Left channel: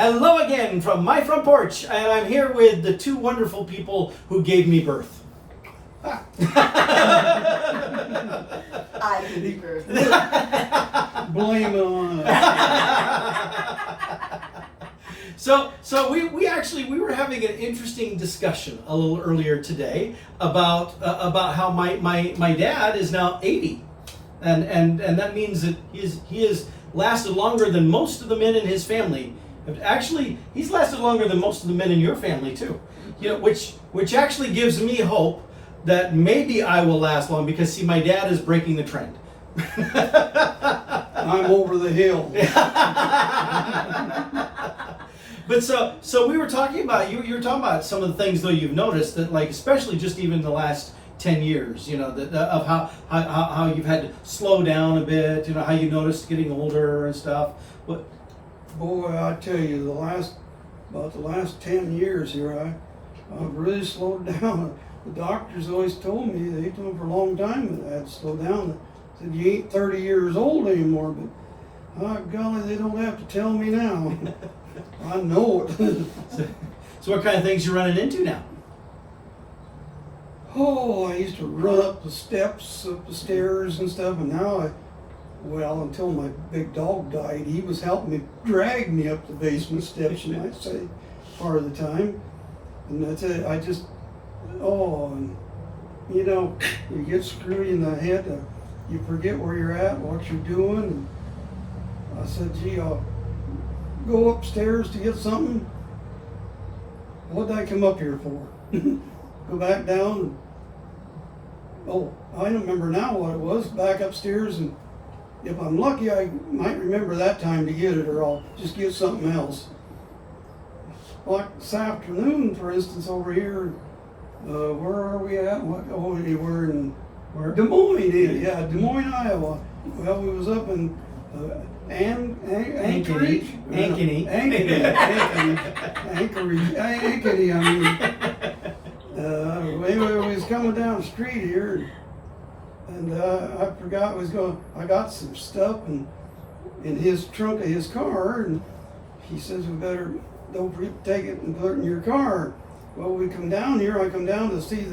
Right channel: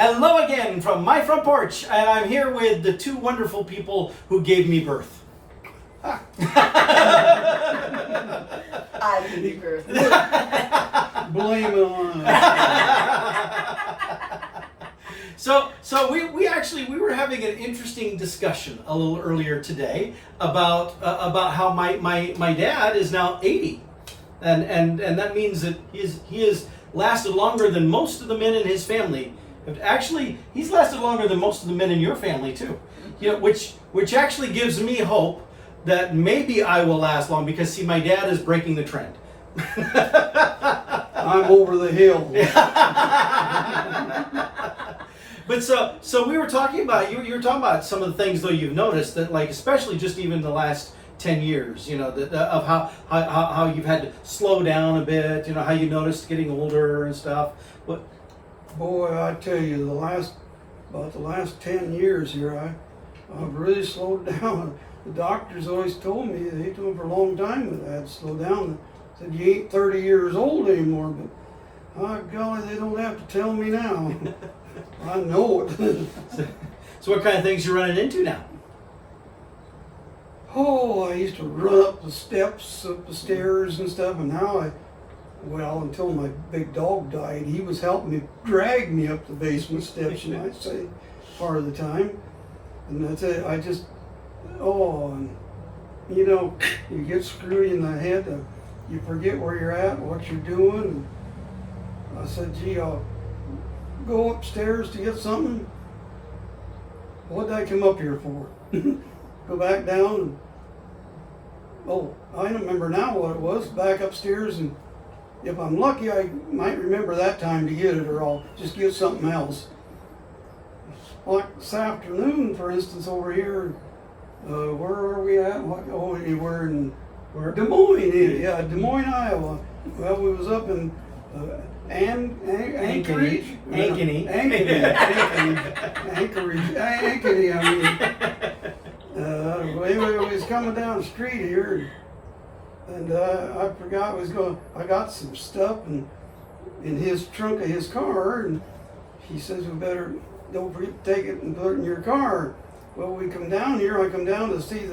Hello again from my front porch, and I'm here with the two wonderful people who gave me birth. I gave you birth. Blame it on us. So we were having an interesting discussion a little earlier today about how my dad is now 80, and that means that he has lasted longer than most of the men in his family. Actually, he's lasted longer than most of the men in your family too. You know, which actually gives me hope that maybe I will last long, because see, my dad is breaking the trend. I'm over the hill. But so we were talking about, you were talking about some of the things though you've noticed that, like, especially just even the last 10 years, you know, of how you've had to slow down a bit, you know, how you noticed getting older and stuff. But Boy, I tell you, about the last 10 years here, I've really slowed down. The doctors always told me, they told me for a long time that I had to slow down. They said, you ain't 30 years old anymore, but my golly, they don't have to tell me now. I know it. so what kind of things you running into now? Oh, I used to run up the steps, up the stairs and stuff, and now well, until my big dog died, he was helping me drag me up the basement steps, you might say, part of the time. And that's it. And you know, you get screwed in the head, you forget where you're at, what you're doing. And I said, gee, I'll go upstairs to get something. What did I come up here for? Go back down. And, I remember now what it was. Back upstairs, and if I'm lucky, I might remember that time to get it, or I'll just get something else. Like this afternoon, for instance, over here, where are we at? We're in Des Moines, Des Moines, Iowa. Well, we was up in Anchorage, Ankeny, I mean. Anyway, we was coming down the street here, and I forgot I got some stuff in his trunk of his car, and he says, we better, don't forget to take it and put it in your car. Well, we come down here, I come down to see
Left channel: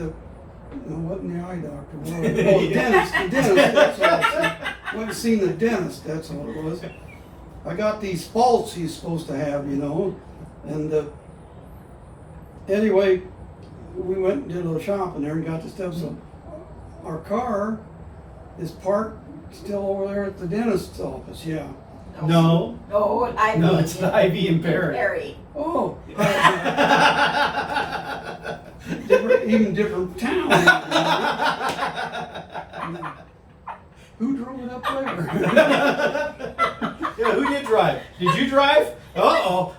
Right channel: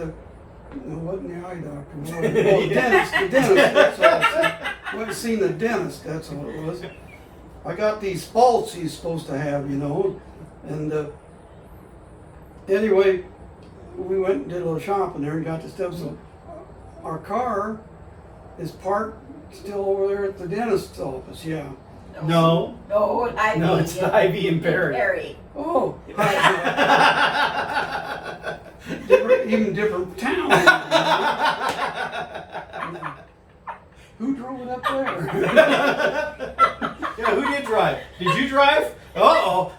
wasn't the eye doctor, the dentist, that's what I went and seen the dentist, that's all it was. I got these faults he's supposed to have, you know, and anyway, we went and did a little shopping there and got the stuff. So our car is parked still over there at the dentist's office. Yeah. No, it's Ivy and Perry. Oh, even different town. Who drove it up there? Yeah, who did drive? Did you drive? Uh-oh.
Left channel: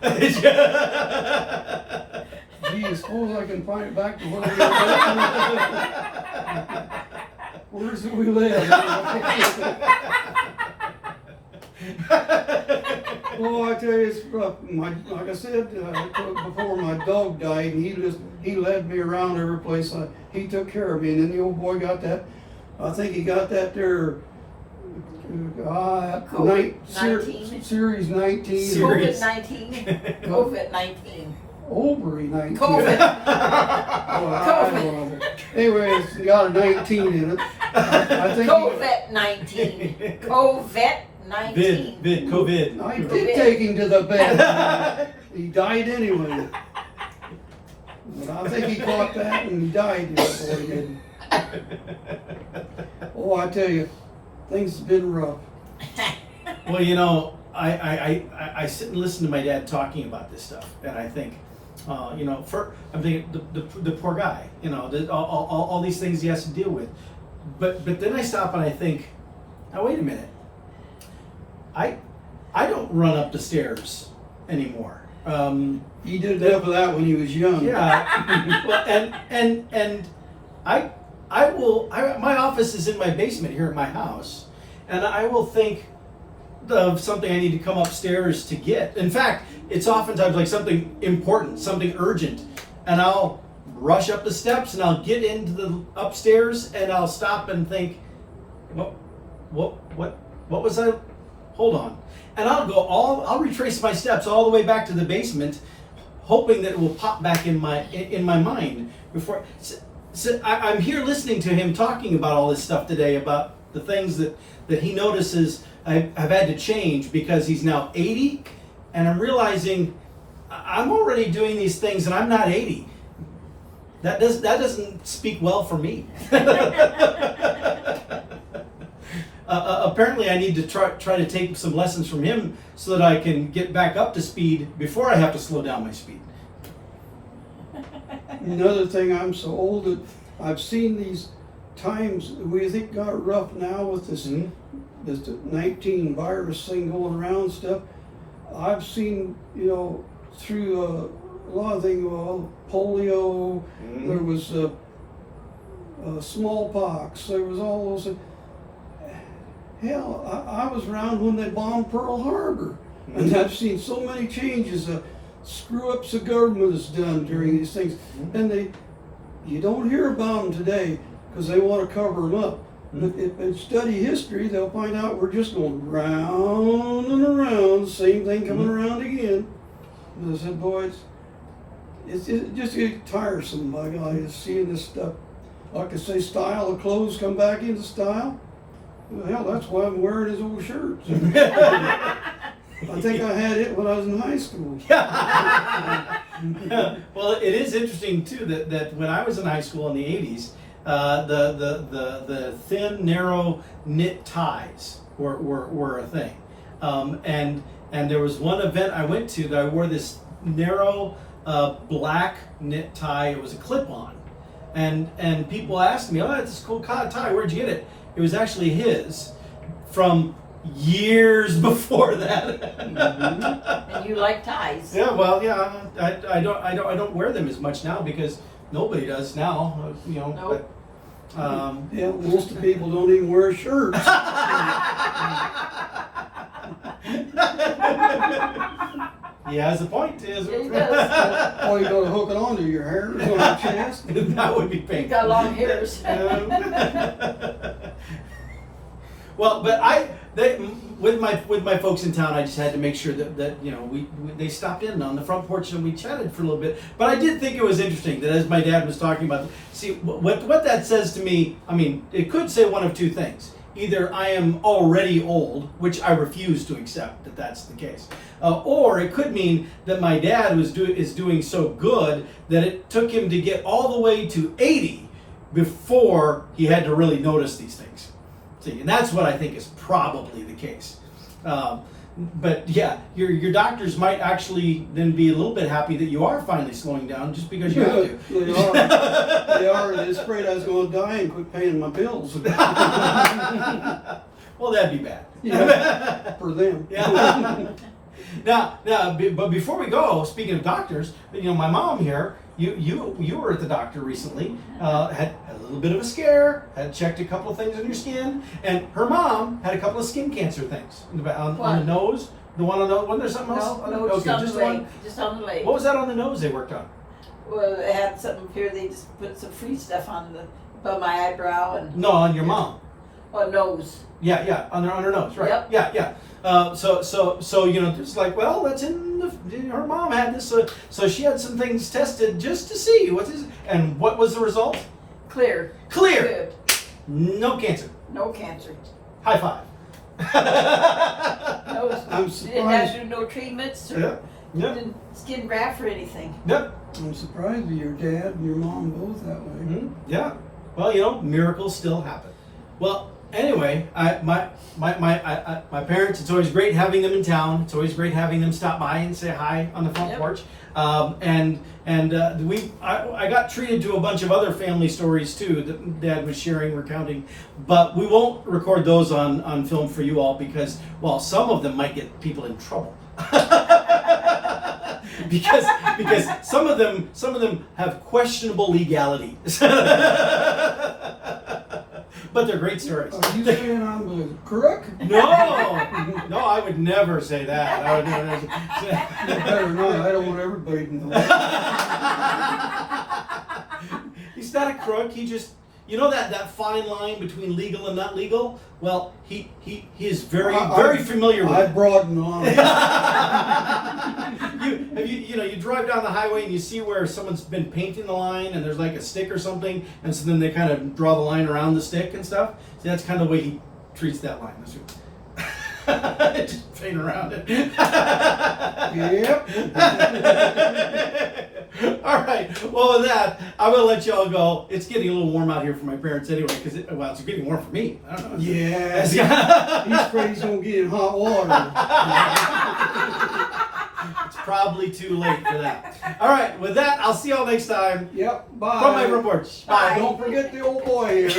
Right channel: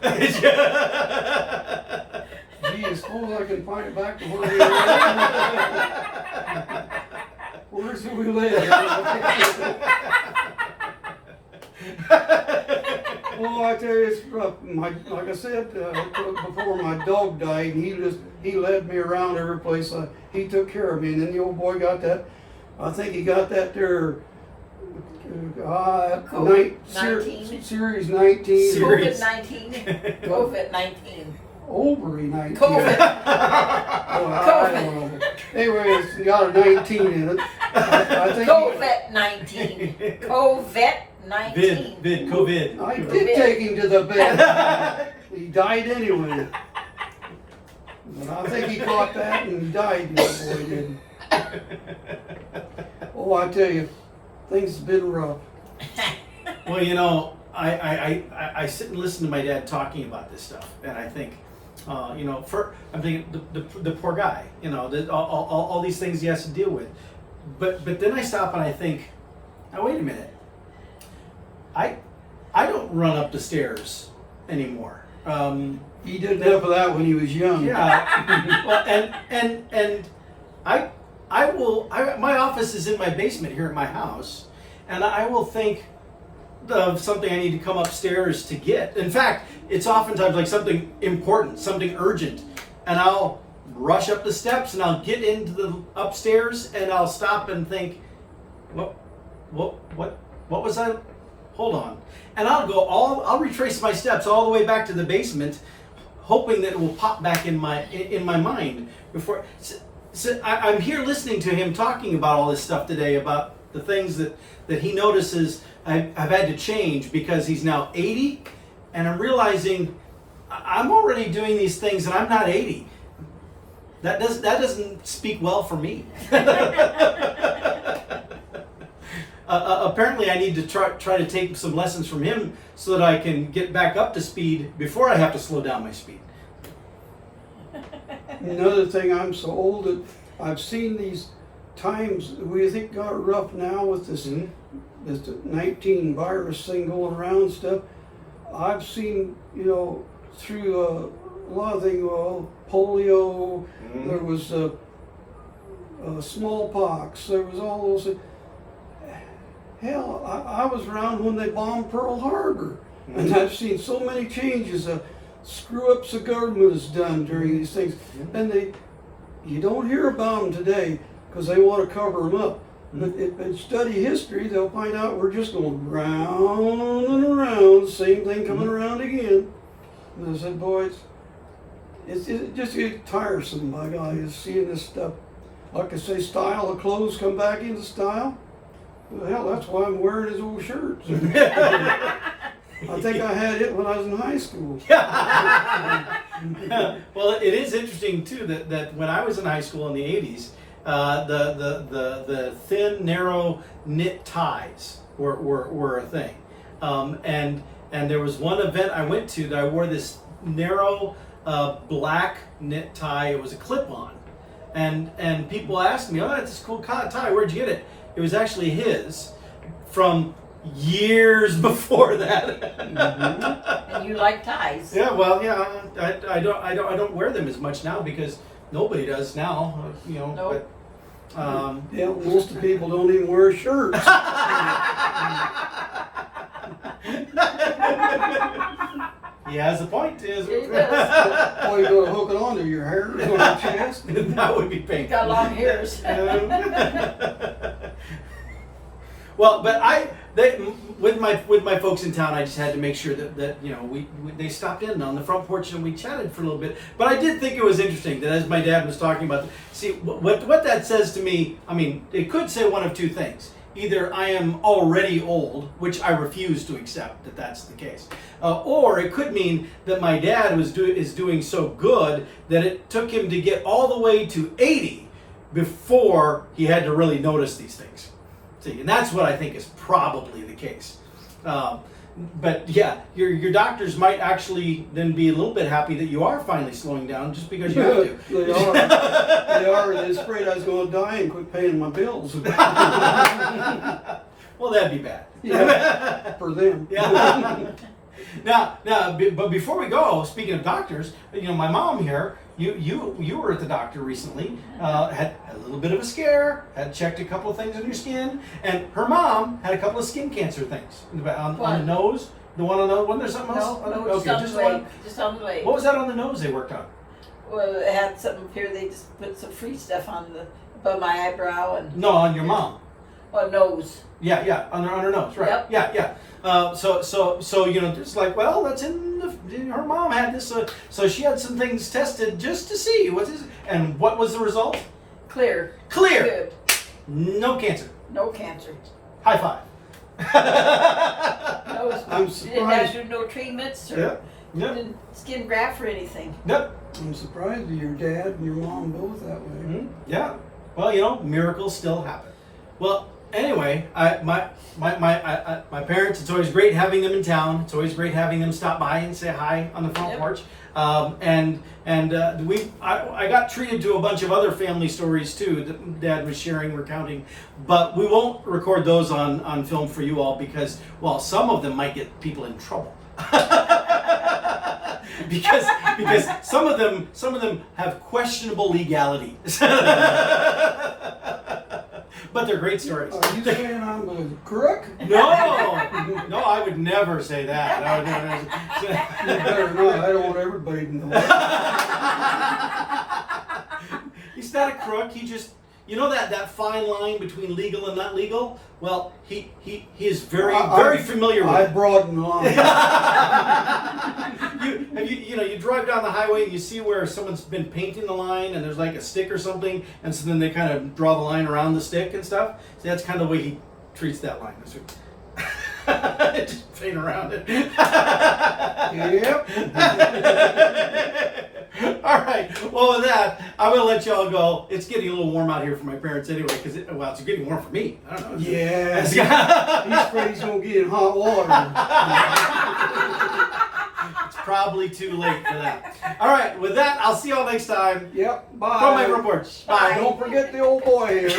Gee, I suppose I can find it back to where we live. Where's we live? Well, I tell you, it's rough. Like I said, before my dog died, he led me around every place. He took care of me, and then the old boy got that. I think he got that there. COVID-19. Series 19. COVID-19. COVID-19. Ovary 19. COVID. COVID. Anyway, it's got a 19 in it. I think COVID-19. COVID-19. COVID. I did take him to the bed. He died anyway. But I think he caught that and he died. Oh, I tell you, things have been rough. Well, you know, I sit and listen to my dad talking about this stuff, and I think, you know, I'm thinking the poor guy, you know, all these things he has to deal with. But then I stop and I think, now wait a minute, I don't run up the stairs anymore. He did enough of that when he was young. Yeah. Well, and my office is in my basement here at my house, and I will think of something I need to come upstairs to get. In fact, it's oftentimes like something important, something urgent, and I'll rush up the steps and I'll get into the upstairs and I'll stop and think, what was I hold on. And I'll retrace my steps all the way back to the basement, hoping that it will pop back in my mind before. So I'm here listening to him talking about all this stuff today, about the things that he notices I've had to change because he's now 80, and I'm realizing I'm already doing these things and I'm not 80. That doesn't speak well for me. Apparently, I need to try to take some lessons from him so that I can get back up to speed before I have to slow down my speed. Another thing, I'm so old that I've seen these times we think got rough now with this 19 virus thing going around stuff. I've seen, through a lot of things, polio, there was smallpox, there was all those things. Hell, I was around when they bombed Pearl Harbor, and I've seen so many changes, screw-ups the government has done during these things, and you don't hear about them today because they want to cover them up. But if they study history, they'll find out we're just going round and around, the same thing coming around again. And I said, boys, it just gets tiresome, by God, just seeing this stuff. Like I say, style of clothes come back into style. Well, hell, that's why I'm wearing his old shirts. I think I had it when I was in high school. Well, it is interesting too that when I was in high school in the 80s, the thin, narrow knit ties were a thing, and there was one event I went to that I wore this narrow black knit tie. It was a clip-on, and people asked me, "Oh, that's this cool tie. Where'd you get it?" It was actually his from years before that. And you like ties. Yeah, well, yeah, I don't wear them as much now because nobody does now, Nope. But, Yeah, most of the people don't even wear shirts. he has a point. He has a He point. does. Or you go to hook it onto your hair or your chest. That would be You painful. got long hairs. Well, but with my folks in town, I just had to make sure that they stopped in on the front porch and we chatted for a little bit. But I did think it was interesting that as my dad was talking about, see what that says to me. I mean, it could say one of two things. Either I am already old, which I refuse to accept that that's the case, or it could mean that my dad is doing so good that it took him to get all the way to 80 before he had to really notice these things. See, and that's what I think is probably the case. But yeah, your doctors might actually then be a little bit happy that you are finally slowing down just because you have to. They are. They are. They're afraid I was going to die and quit paying my bills. Well, that'd be bad. Yeah, for them. Yeah. Now, but before we go, speaking of doctors, my mom here, you were at the doctor recently, had a little bit of a scare, had checked a couple of things on your skin, and her mom had a couple of skin cancer things on the nose. The one on the one. There's something else. No, Okay, just on just the leg. one. Just on the leg. What was that on the nose they worked on? Well, it had something up here. They just put some free stuff on above my eyebrow and. No, on your mom. Oh, nose. Yeah, on her nose, right? Yep. Yeah. So it's like, well, that's her mom had this, so she had some things tested just to see what is, and what was the result? Clear. Clear. Good. No cancer. No cancer. High five. No. I'm You didn't have surprised. to do no treatments or Yep. didn't skin graft or anything. Yep. I'm surprised your dad and your mom both that way. Mhm. Yeah. Well, miracles still happen. Well, anyway, my parents. It's always great having them in town. It's always great having them stop by and say hi on the front Yep. porch. I got treated to a bunch of other family stories too that Dad was sharing, recounting, but we won't record those on film for you all because, well, some of them might get people in trouble. because some of them have questionable legality. But they're great stories. Are you saying I'm a crook? No, I would never say that. I would never You better not. I don't want everybody to know. He's not a crook. He just you know that fine line between legal and not legal? Well, he is very familiar with I it. broaden the line. You drive down the highway and you see where someone's been painting the line and there's like a stick or something, and so then they kind of draw the line around the stick and stuff. So that's kind of the way he treats that line. Just paint around it. Yep. All right. Well, with that, I'm gonna let y'all go. It's getting a little warm out here for my parents anyway, because it's getting warm for me. I don't know. Yeah. He's afraid he's gonna get in hot water. It's probably too late for that. All right. With that, I'll see y'all next time. Yep. Bye. From my front porch. Bye. Don't forget the old boy here.